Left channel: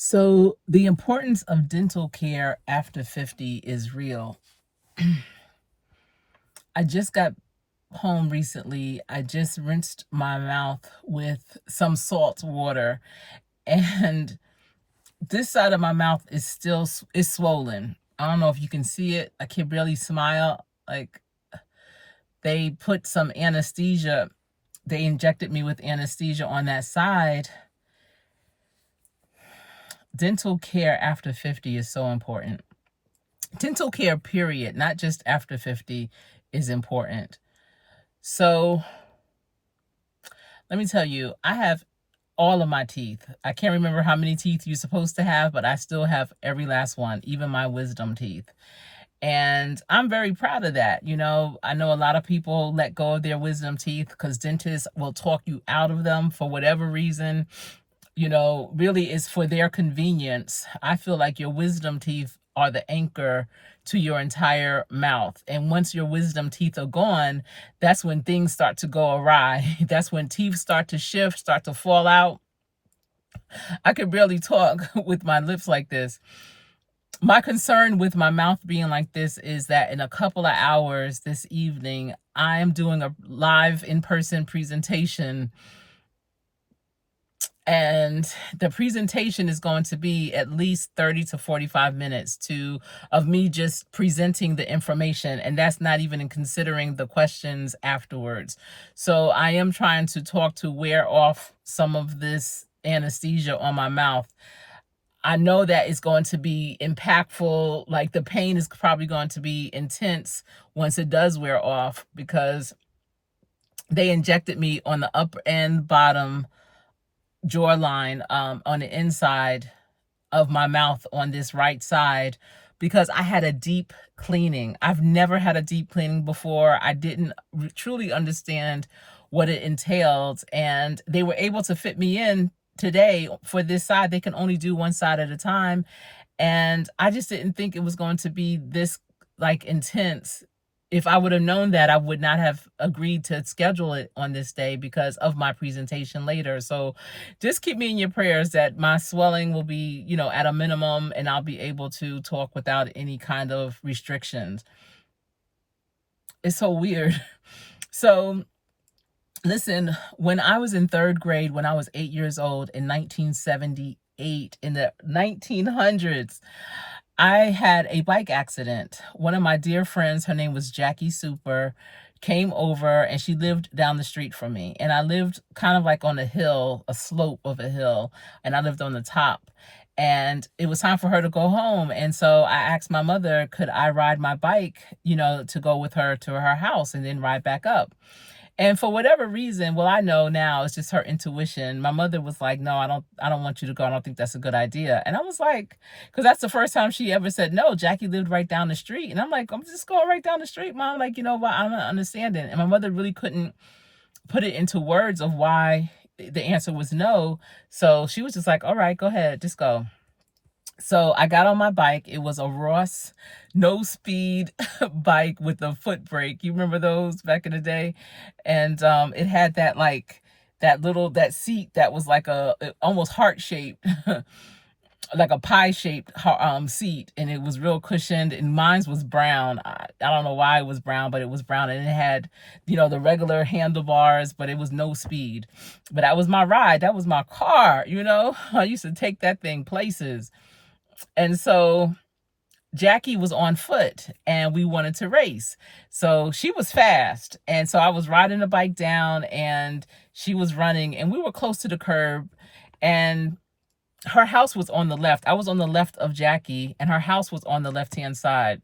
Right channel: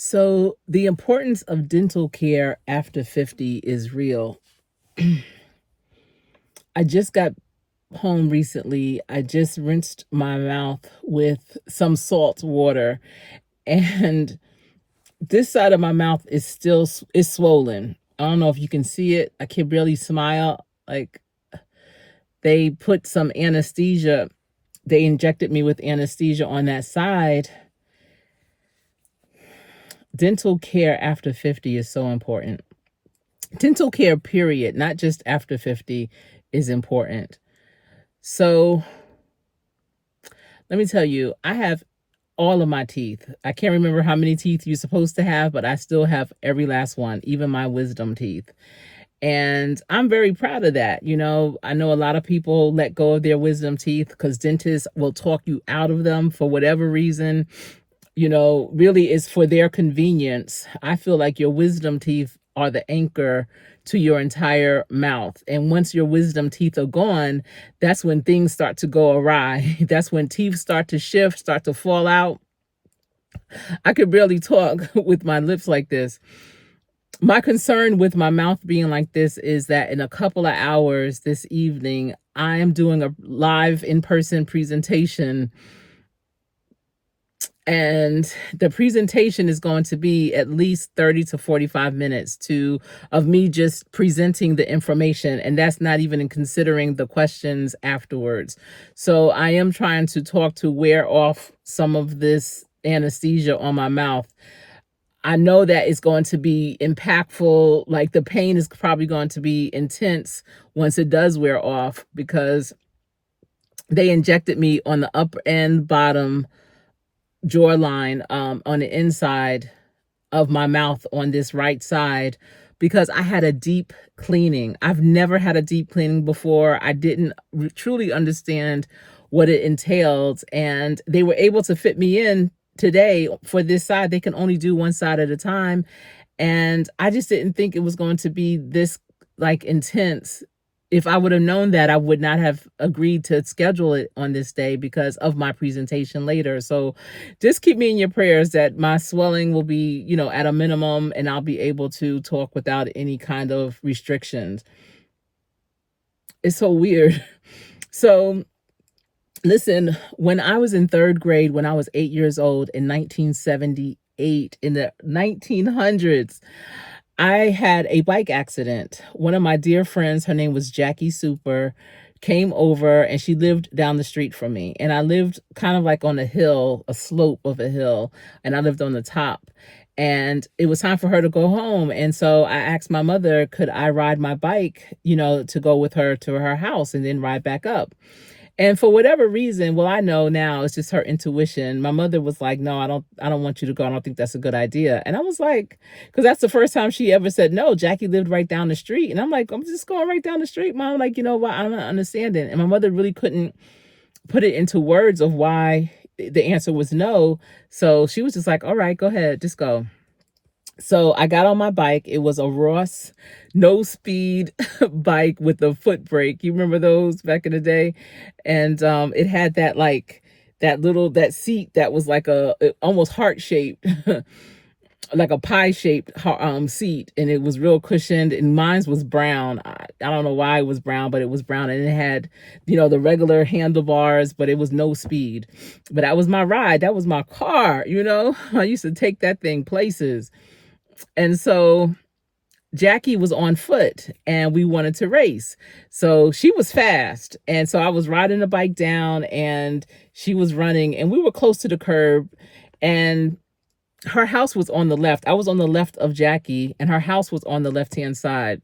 So, the importance of dental care after 50 is real. I just got home recently. I just rinsed my mouth with some salt water, and this side of my mouth is still is swollen. I don't know if you can see it. I can barely smile. Like, they put some anesthesia. They injected me with anesthesia on that side. Dental care after 50 is so important. Dental care, period, not just after 50, is important. So let me tell you, I have all of my teeth. I can't remember how many teeth you're supposed to have, but I still have every last one, even my wisdom teeth. And I'm very proud of that. I know a lot of people let go of their wisdom teeth because dentists will talk you out of them for whatever reason. Really is for their convenience. I feel like your wisdom teeth are the anchor to your entire mouth. And once your wisdom teeth are gone, that's when things start to go awry. That's when teeth start to shift, start to fall out. I could barely talk with my lips like this. My concern with my mouth being like this is that in a couple of hours this evening, I am doing a live in-person presentation, and the presentation is going to be at least 30 to 45 minutes of me just presenting the information, and that's not even in considering the questions afterwards. So I am trying to talk to wear off some of this anesthesia on my mouth. I know that it's going to be impactful. Like, the pain is probably going to be intense once it does wear off, because they injected me on the upper and bottom jawline, on the inside of my mouth on this right side, because I had a deep cleaning. I've never had a deep cleaning before. I didn't truly understand what it entailed, and they were able to fit me in today for this side. They can only do one side at a time, and I just didn't think it was going to be this, like, intense. If I would have known that, I would not have agreed to schedule it on this day because of my presentation later. So just keep me in your prayers that my swelling will be, at a minimum, and I'll be able to talk without any kind of restrictions. It's so weird. So listen, when I was in third grade, when I was 8 years old in 1978, in the 1900s, I had a bike accident. One of my dear friends, her name was Jackie Super, came over, and she lived down the street from me. And I lived kind of like on a hill, a slope of a hill, and I lived on the top. And it was time for her to go home. And so I asked my mother, could I ride my bike, to go with her to her house and then ride back up? And for whatever reason, well, I know now it's just her intuition. My mother was like, "No, I don't want you to go. I don't think that's a good idea." And I was like, because that's the first time she ever said no. Jackie lived right down the street. And I'm like, "I'm just going right down the street, Mom." Like, you know what? I'm not understanding. And my mother really couldn't put it into words of why the answer was no. So she was just like, "All right, go ahead, just go." So I got on my bike. It was a Ross no speed bike with a foot brake. You remember those back in the day? And it had that, like, that seat that was like almost heart shaped, like a pie shaped seat, and it was real cushioned. And mine's was brown. I don't know why it was brown, but it was brown, and it had, the regular handlebars, but it was no speed. But that was my ride. That was my car. I used to take that thing places. And so Jackie was on foot, and we wanted to race. So she was fast. And so I was riding the bike down, and she was running, and we were close to the curb, and her house was on the left. I was on the left of Jackie, and her house was on the left-hand side.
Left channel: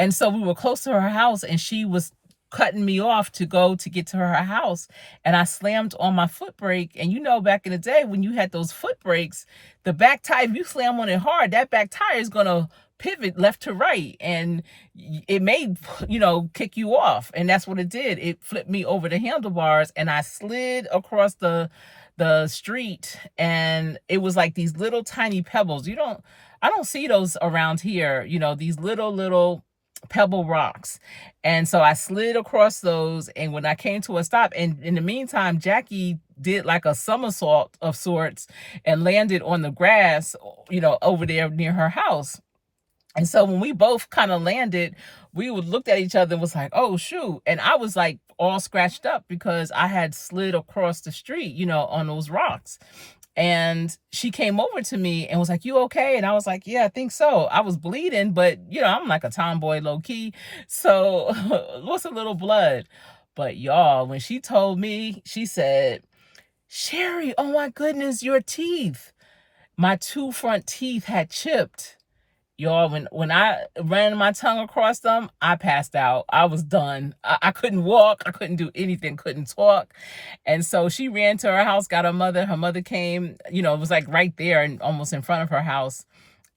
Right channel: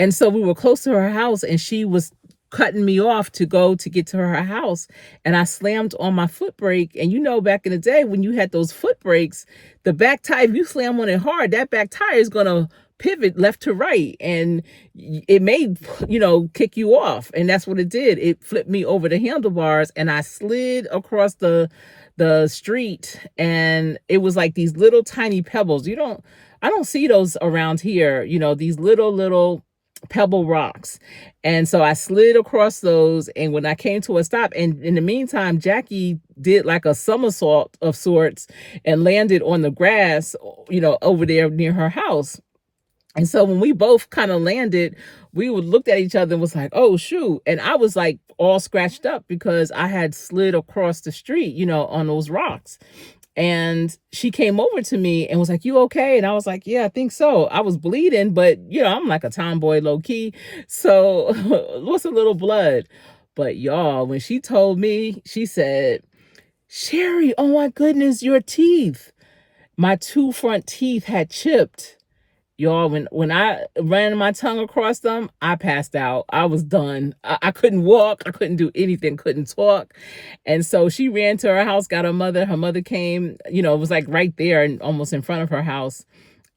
And so we were close to her house, and she was cutting me off to get to her house. And I slammed on my foot brake. And back in the day when you had those foot brakes, the back tire, if you slam on it hard, that back tire is going to pivot left to right, and it may, kick you off. And that's what it did. It flipped me over the handlebars, and I slid across the street, and it was like these little tiny pebbles. I don't see those around here, these little pebble rocks. And so I slid across those. And when I came to a stop, and in the meantime, Jackie did like a somersault of sorts and landed on the grass, over there near her house. And so when we both kind of landed, we would looked at each other and was like, oh shoot. And I was like all scratched up because I had slid across the street, on those rocks. And she came over to me and was like, you okay? And I was like, yeah, I think so. I was bleeding, but I'm like a tomboy low key. So what's a little blood? But y'all, when she told me, she said, Sherri, oh my goodness, your teeth. My two front teeth had chipped. Y'all, when I ran my tongue across them, I passed out. I was done. I couldn't walk. I couldn't do anything, couldn't talk. And so she ran to her house, got her mother. Her mother came, it was like right there and almost in front of her house.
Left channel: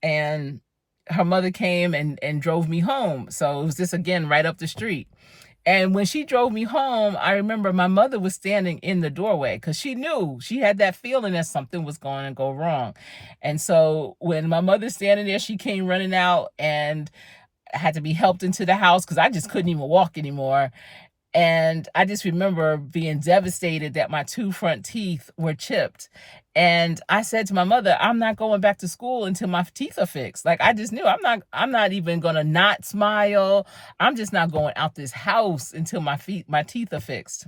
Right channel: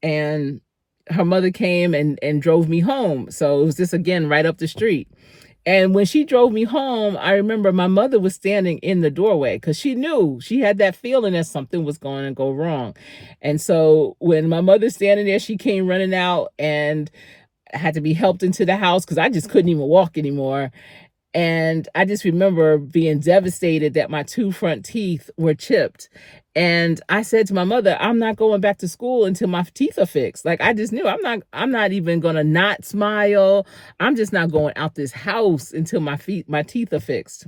And her mother came and drove me home. So it was just, again, right up the street. And when she drove me home, I remember my mother was standing in the doorway because she knew, she had that feeling that something was going to go wrong. And so when my mother's standing there, she came running out and had to be helped into the house because I just couldn't even walk anymore. And I just remember being devastated that my two front teeth were chipped. And I said to my mother, I'm not going back to school until my teeth are fixed. Like, I just knew I'm not even gonna not smile. I'm just not going out this house until my teeth are fixed.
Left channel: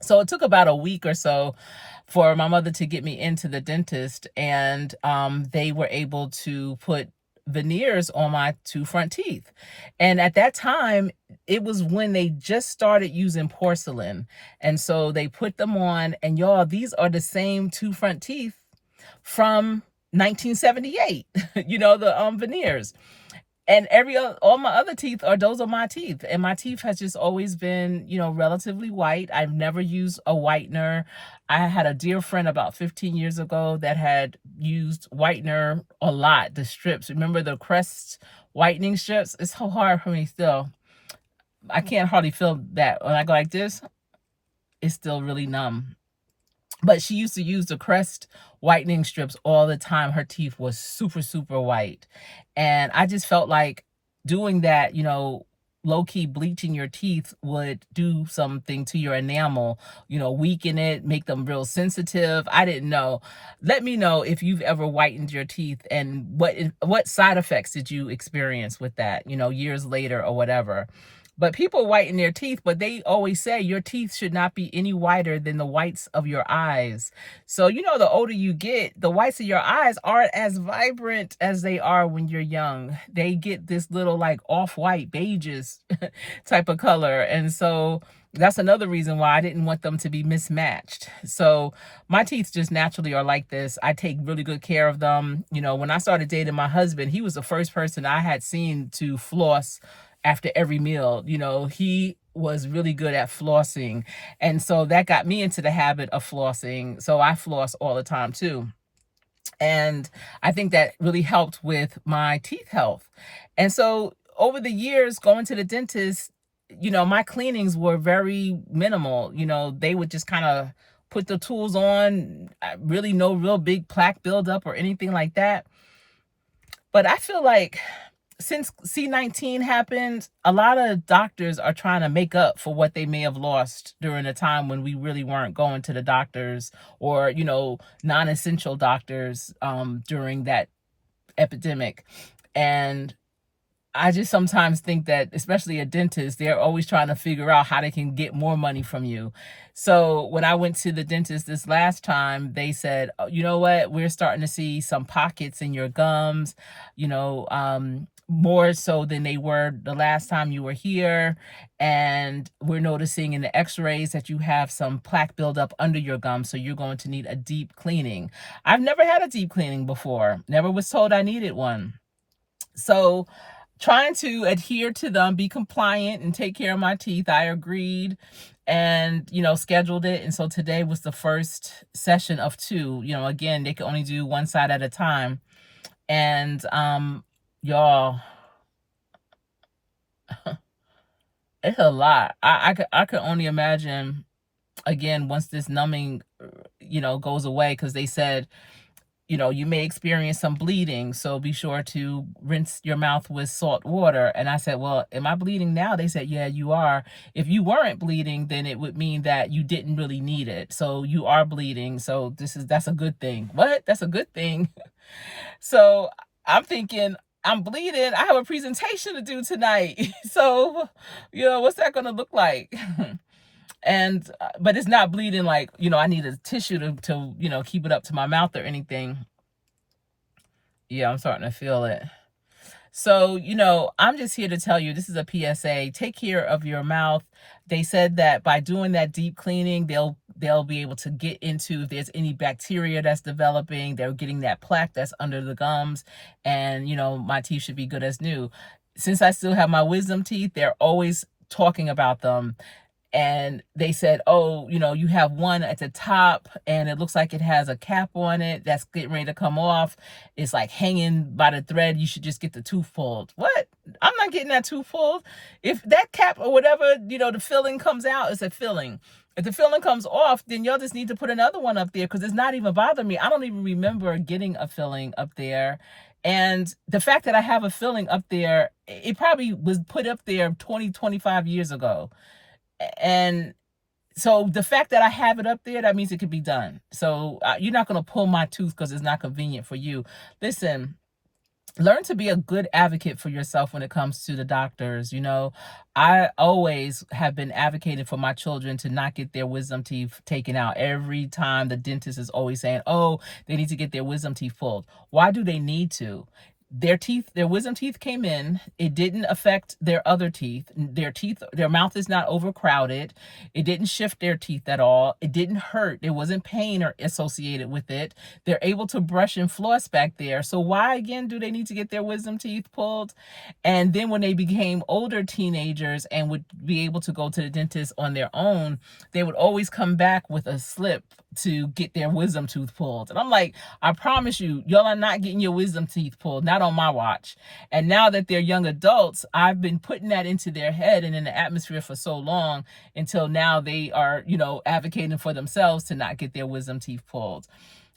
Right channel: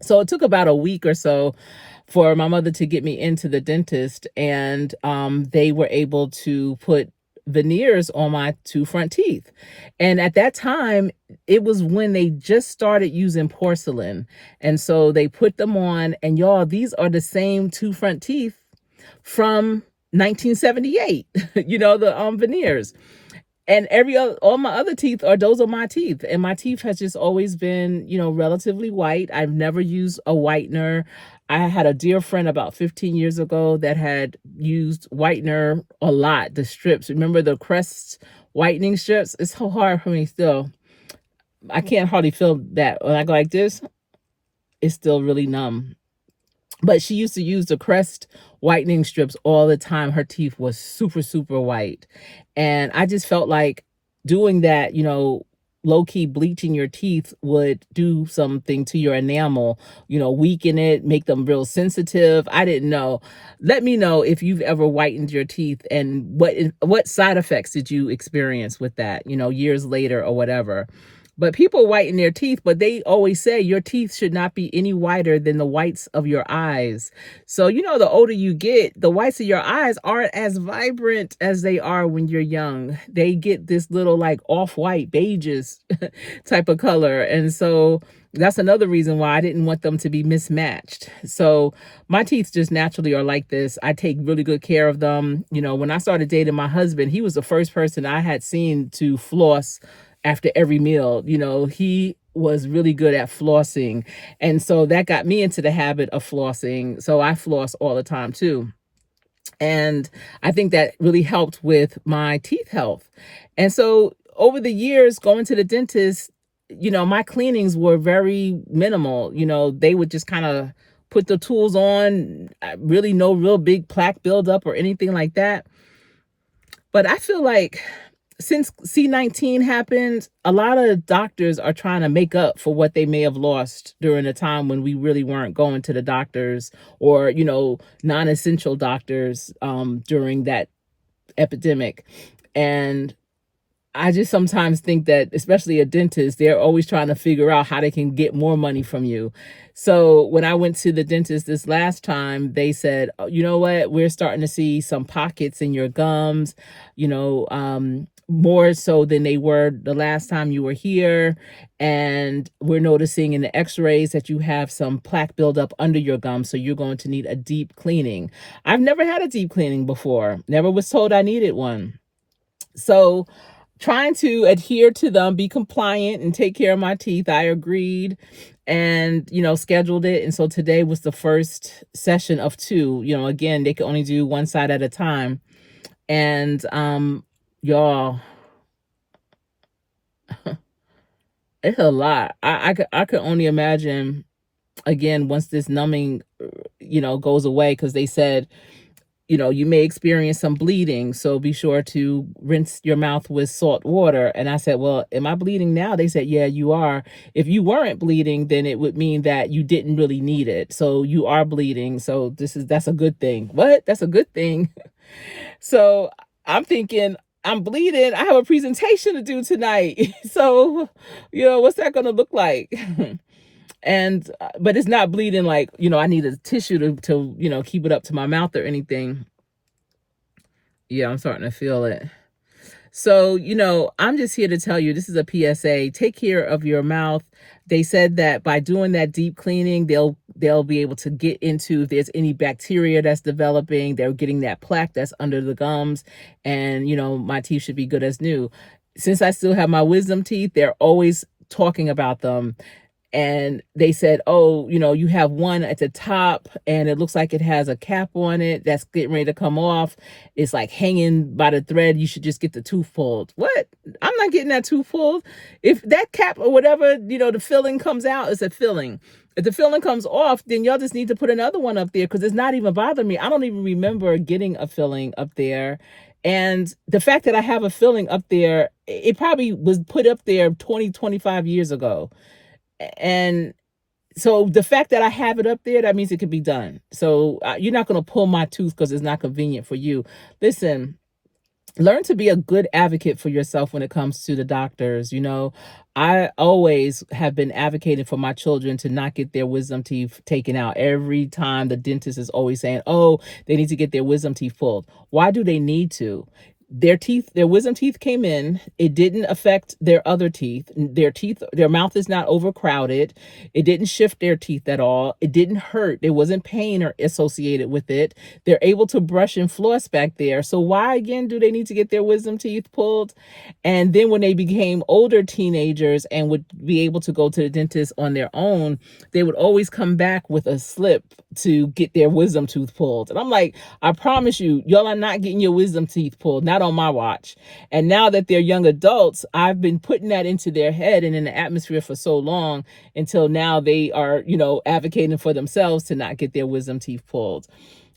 So it took about a week or so for my mother to get me into the dentist, and they were able to put veneers on my two front teeth. And at that time, it was when they just started using porcelain. And so they put them on, and y'all, these are the same two front teeth from 1978, the veneers. And all my other teeth those are my teeth. And my teeth has just always been, relatively white. I've never used a whitener. I had a dear friend about 15 years ago that had used whitener a lot, the strips. Remember the Crest whitening strips? It's so hard for me still. I can't hardly feel that. When I go like this, it's still really numb. But she used to use the Crest whitening strips all the time. Her teeth was super, super white. And I just felt like doing that, low-key bleaching your teeth would do something to your enamel, weaken it, make them real sensitive. I didn't know. Let me know if you've ever whitened your teeth and what side effects did you experience with that, years later or whatever. But people whiten their teeth, but they always say your teeth should not be any whiter than the whites of your eyes. So, the older you get, the whites of your eyes aren't as vibrant as they are when you're young. They get this little like off-white, beiges type of color. And so that's another reason why I didn't want them to be mismatched. So my teeth just naturally are like this. I take really good care of them. When I started dating my husband, he was the first person I had seen to floss after every meal. He was really good at flossing. And so that got me into the habit of flossing. So I floss all the time too. And I think that really helped with my teeth health. And so over the years, going to the dentist, my cleanings were very minimal. They would just kind of put the tools on, really no real big plaque buildup or anything like that. But I feel like since C19 happened, a lot of doctors are trying to make up for what they may have lost during a time when we really weren't going to the doctors or, non-essential doctors during that epidemic. And I just sometimes think that, especially a dentist, they're always trying to figure out how they can get more money from you. So when I went to the dentist this last time, they said, oh, you know what, we're starting to see some pockets in your gums, more so than they were the last time you were here. And we're noticing in the x-rays that you have some plaque buildup under your gums. So you're going to need a deep cleaning. I've never had a deep cleaning before. Never was told I needed one. So trying to adhere to them, be compliant, and take care of my teeth, I agreed and, scheduled it. And so today was the first session of 2. Again, they could only do one side at a time. And y'all, it's a lot. I could only imagine, again, once this numbing, goes away, because they said you may experience some bleeding, so be sure to rinse your mouth with salt water. And I said, well, am I bleeding now? They said, yeah, you are. If you weren't bleeding, then it would mean that you didn't really need it. So you are bleeding. So that's a good thing. What? That's a good thing. So I'm thinking, I'm bleeding. I have a presentation to do tonight. So, what's that going to look like? And but it's not bleeding like, I need a tissue to keep it up to my mouth or anything. Yeah, I'm starting to feel it. So, I'm just here to tell you, this is a PSA. Take care of your mouth. They said that by doing that deep cleaning, they'll be able to get into if there's any bacteria that's developing. They're getting that plaque that's under the gums, and my teeth should be good as new. Since I still have my wisdom teeth, they're always talking about them. And they said, oh, you have one at the top and it looks like it has a cap on it that's getting ready to come off. It's like hanging by the thread. You should just get the tooth pulled. What? I'm not getting that tooth pulled. If that cap or whatever, the filling comes out, it's a filling. If the filling comes off, then y'all just need to put another one up there because it's not even bothering me. I don't even remember getting a filling up there. And the fact that I have a filling up there, it probably was put up there 20, 25 years ago. And so the fact that I have it up there, that means it could be done. So you're not going to pull my tooth because it's not convenient for you. Listen, learn to be a good advocate for yourself when it comes to the doctors. I always have been advocating for my children to not get their wisdom teeth taken out. Every time the dentist is always saying, oh, they need to get their wisdom teeth pulled. Why do they need to? Their wisdom teeth came in. It didn't affect their other teeth. Their mouth is not overcrowded. It didn't shift their teeth at all. It didn't hurt. There wasn't pain or associated with it. They're able to brush and floss back there. So why again do they need to get their wisdom teeth pulled? And then when they became older teenagers and would be able to go to the dentist on their own, they would always come back with a slip to get their wisdom tooth pulled. And I'm like, I promise you, y'all are not getting your wisdom teeth pulled, not on my watch. And now that they're young adults, I've been putting that into their head and in the atmosphere for so long until now they are, advocating for themselves to not get their wisdom teeth pulled.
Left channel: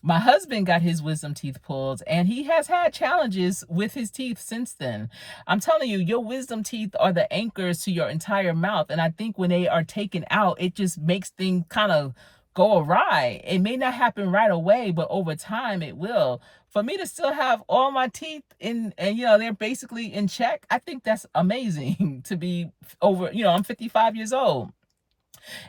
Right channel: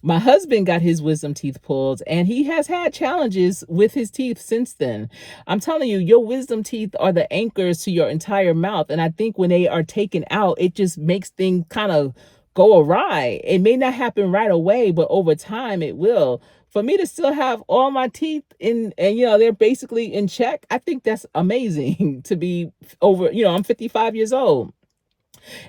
My husband got his wisdom teeth pulled and he has had challenges with his teeth since then. I'm telling you, your wisdom teeth are the anchors to your entire mouth. And I think when they are taken out, it just makes things kind of go awry. It may not happen right away, but over time it will. For me to still have all my teeth in and they're basically in check, I think that's amazing to be over, I'm 55 years old.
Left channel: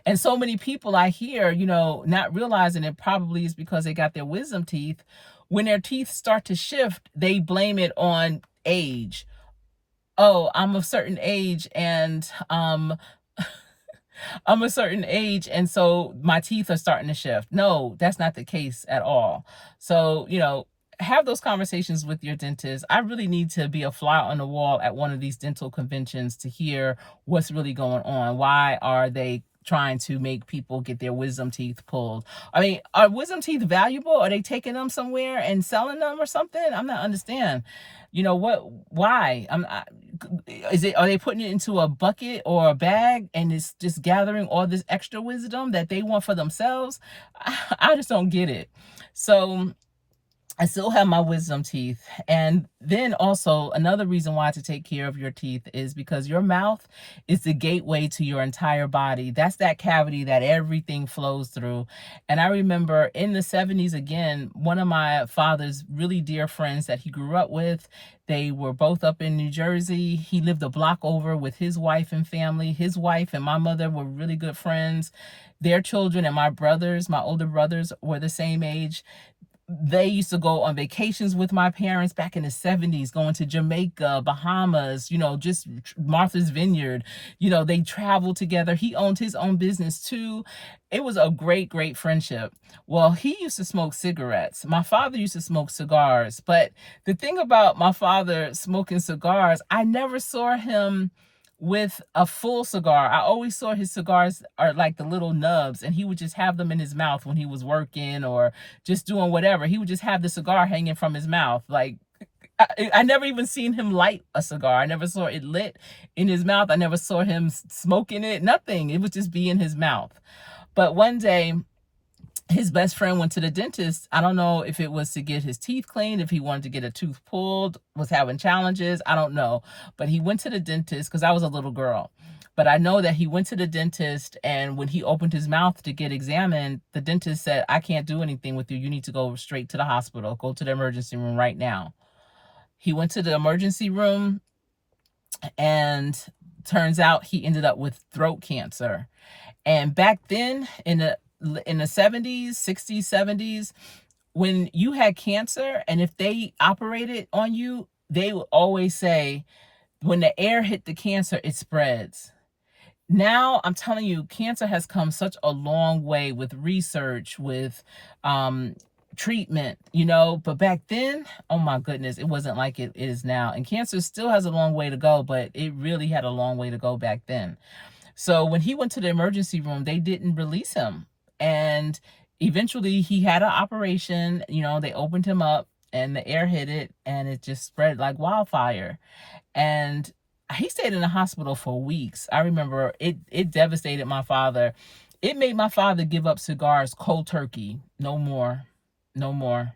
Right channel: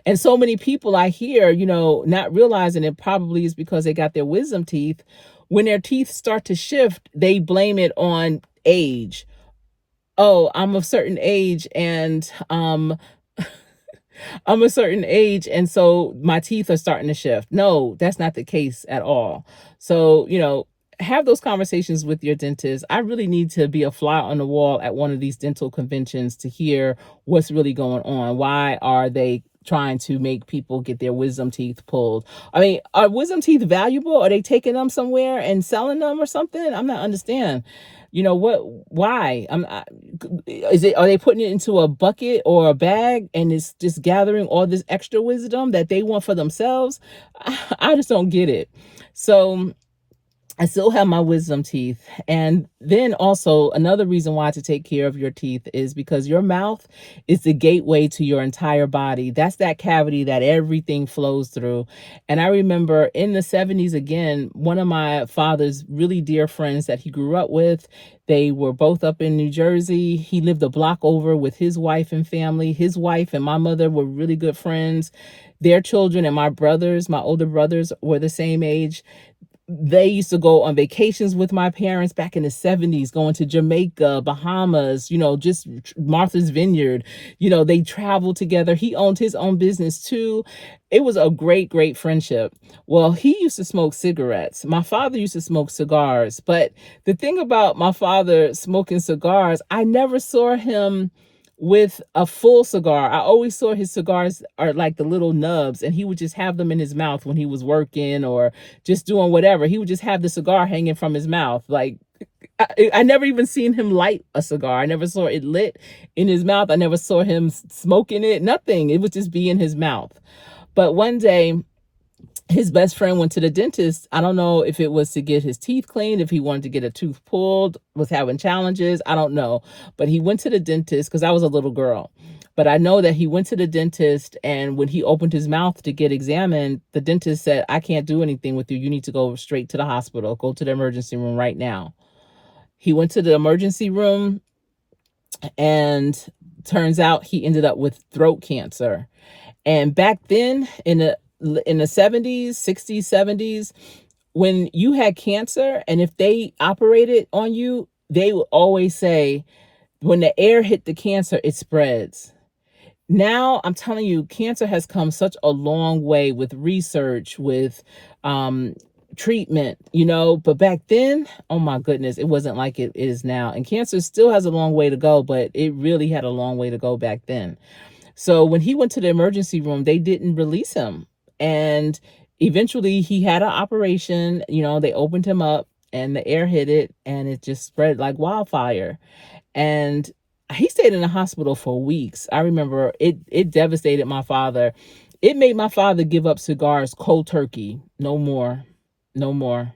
And so many people I hear, not realizing it probably is because they got their wisdom teeth. When their teeth start to shift, they blame it on age. Oh, I'm a certain age and I'm a certain age and so my teeth are starting to shift. No, that's not the case at all. So, have those conversations with your dentist. I really need to be a fly on the wall at one of these dental conventions to hear what's really going on. Why are they trying to make people get their wisdom teeth pulled? I mean, are wisdom teeth valuable? Are they taking them somewhere and selling them or something? I'm not understand. Why? Are they putting it into a bucket or a bag and it's just gathering all this extra wisdom that they want for themselves? I just don't get it. So I still have my wisdom teeth. And then also another reason why to take care of your teeth is because your mouth is the gateway to your entire body. That's that cavity that everything flows through. And I remember in the 70s, again, one of my father's really dear friends that he grew up with, they were both up in New Jersey. He lived a block over with his wife and family. His wife and my mother were really good friends. Their children and my older brothers were the same age. They used to go on vacations with my parents back in the 70s, going to Jamaica, Bahamas, just Martha's Vineyard. They traveled together. He owned his own business too. It was a great, great friendship. Well, he used to smoke cigarettes. My father used to smoke cigars. But the thing about my father smoking cigars, I never saw him with a full cigar. I always saw his cigars are like the little nubs, and he would just have them in his mouth when he was working or just doing whatever. He would just have the cigar hanging from his mouth. Like I never even seen him light a cigar. I never saw it lit in his mouth. I never saw him smoking it, nothing. It would just be in his mouth. But one day his best friend went to the dentist. I don't know if it was to get his teeth cleaned, if he wanted to get a tooth pulled, was having challenges. I don't know. But he went to the dentist because I was a little girl. But I know that he went to the dentist, and when he opened his mouth to get examined, the dentist said, I can't do anything with you. You need to go straight to the hospital. Go to the emergency room right now. He went to the emergency room, and turns out he ended up with throat cancer. And back then in the 70s, 60s, 70s, when you had cancer and if they operated on you, they would always say, when the air hit the cancer, it spreads. Now, I'm telling you, cancer has come such a long way with research, with um, treatment, but back then, oh my goodness, it wasn't like it is now. And cancer still has a long way to go, but it really had a long way to go back then. So when he went to the emergency room, they didn't release him. And eventually he had an operation, they opened him up and the air hit it and it just spread like wildfire. And he stayed in the hospital for weeks. I remember it devastated my father. It made my father give up cigars cold turkey. No more. No more.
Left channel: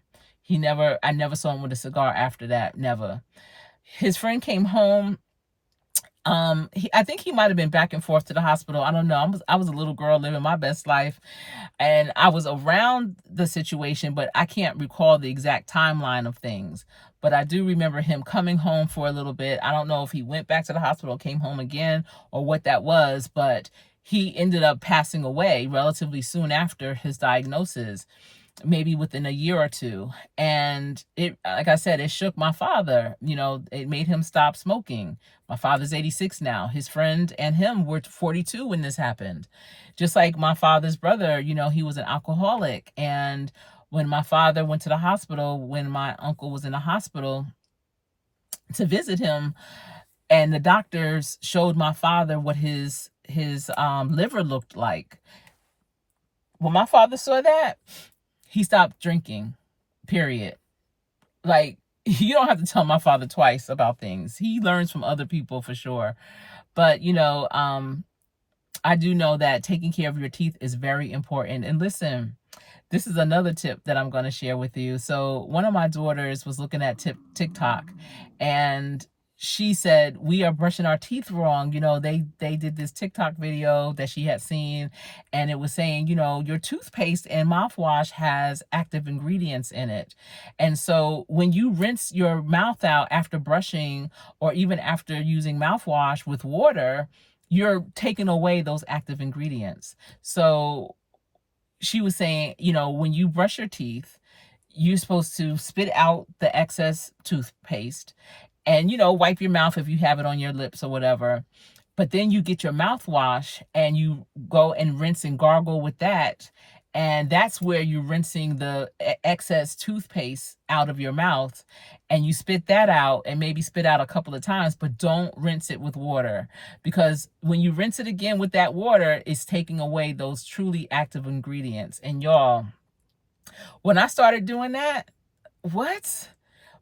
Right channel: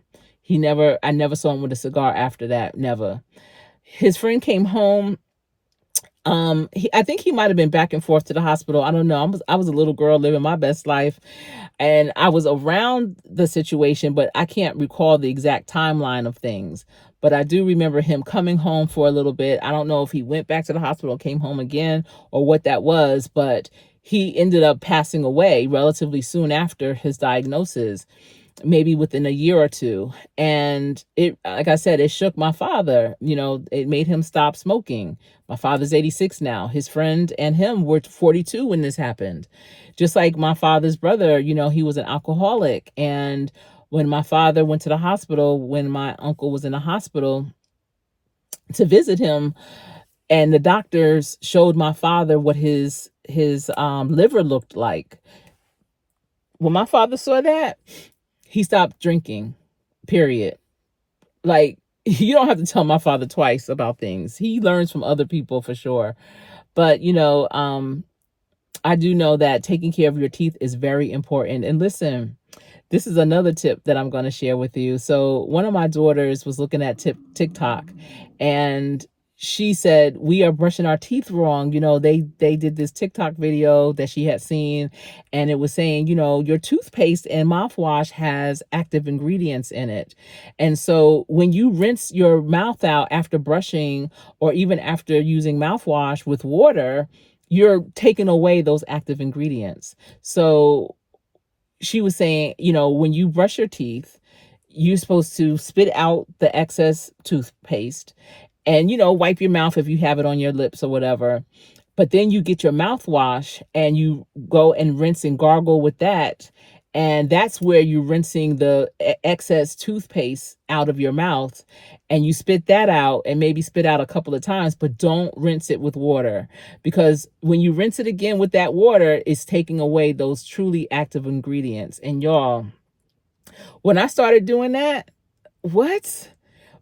I never saw him with a cigar after that. Never. His friend came home. I think he might have been back and forth to the hospital. I don't know. I was a little girl living my best life, and I was around the situation, but I can't recall the exact timeline of things. But I do remember him coming home for a little bit. I don't know if he went back to the hospital, came home again, or what that was, but he ended up passing away relatively soon after his diagnosis, maybe within a year or two. And it, like I said, it shook my father. It made him stop smoking. My father's 86 now. His friend and him were 42 when this happened. Just like my father's brother, he was an alcoholic. And when my father went to the hospital, when my uncle was in the hospital to visit him, and the doctors showed my father what his liver looked like. When my father saw that, he stopped drinking, period. Like, you don't have to tell my father twice about things. He learns from other people for sure. But, I do know that taking care of your teeth is very important. And listen, this is another tip that I'm going to share with you. So one of my daughters was looking at TikTok, and she said, we are brushing our teeth wrong. They did this TikTok video that she had seen, and it was saying, your toothpaste and mouthwash has active ingredients in it. And so when you rinse your mouth out after brushing, or even after using mouthwash with water, you're taking away those active ingredients. So she was saying, when you brush your teeth, you're supposed to spit out the excess toothpaste and, wipe your mouth if you have it on your lips or whatever. But then you get your mouthwash and you go and rinse and gargle with that. And that's where you're rinsing the excess toothpaste out of your mouth, and you spit that out and maybe spit out a couple of times, but don't rinse it with water, because when you rinse it again with that water, it's taking away those truly active ingredients. And y'all, when I started doing that, what?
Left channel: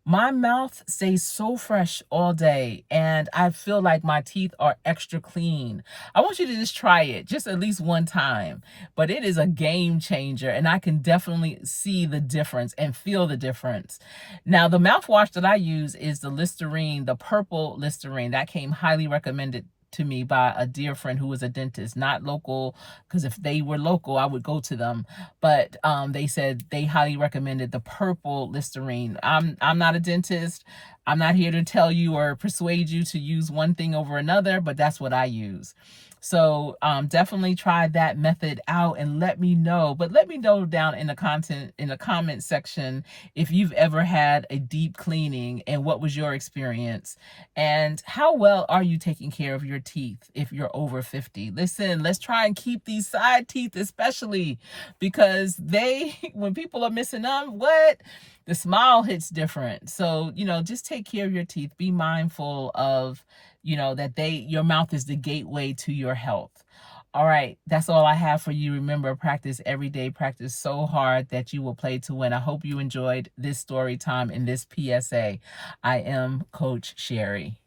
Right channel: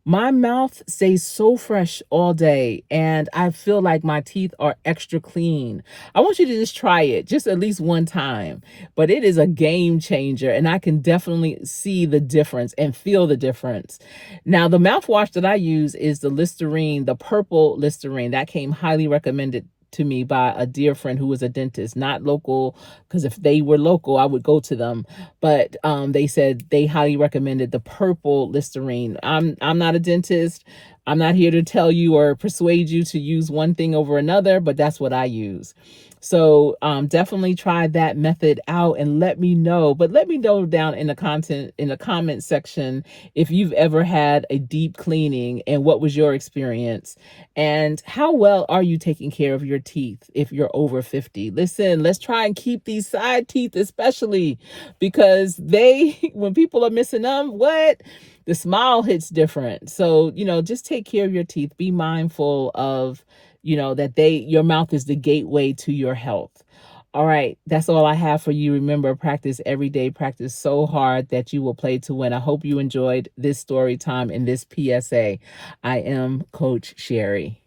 My mouth stays so fresh all day, and I feel like my teeth are extra clean. I want you to just try it, just at least one time. But it is a game changer, and I can definitely see the difference and feel the difference. Now, the mouthwash that I use is the Listerine, the purple Listerine. That came highly recommended to me by a dear friend who was a dentist, not local, because if they were local, I would go to them. But they said they highly recommended the purple Listerine. I'm not a dentist. I'm not here to tell you or persuade you to use one thing over another, but that's what I use. So definitely try that method out and let me know. But let me know down in the comment section if you've ever had a deep cleaning and what was your experience, and how well are you taking care of your teeth if you're over 50. Listen, let's try and keep these side teeth, especially because when people are missing them, the smile hits different. So, just take care of your teeth. Be mindful of, that your mouth is the gateway to your health. All right, that's all I have for you. Remember, practice every day, practice so hard that you will play to win. I hope you enjoyed this story time and this PSA. I am Coach Sherri.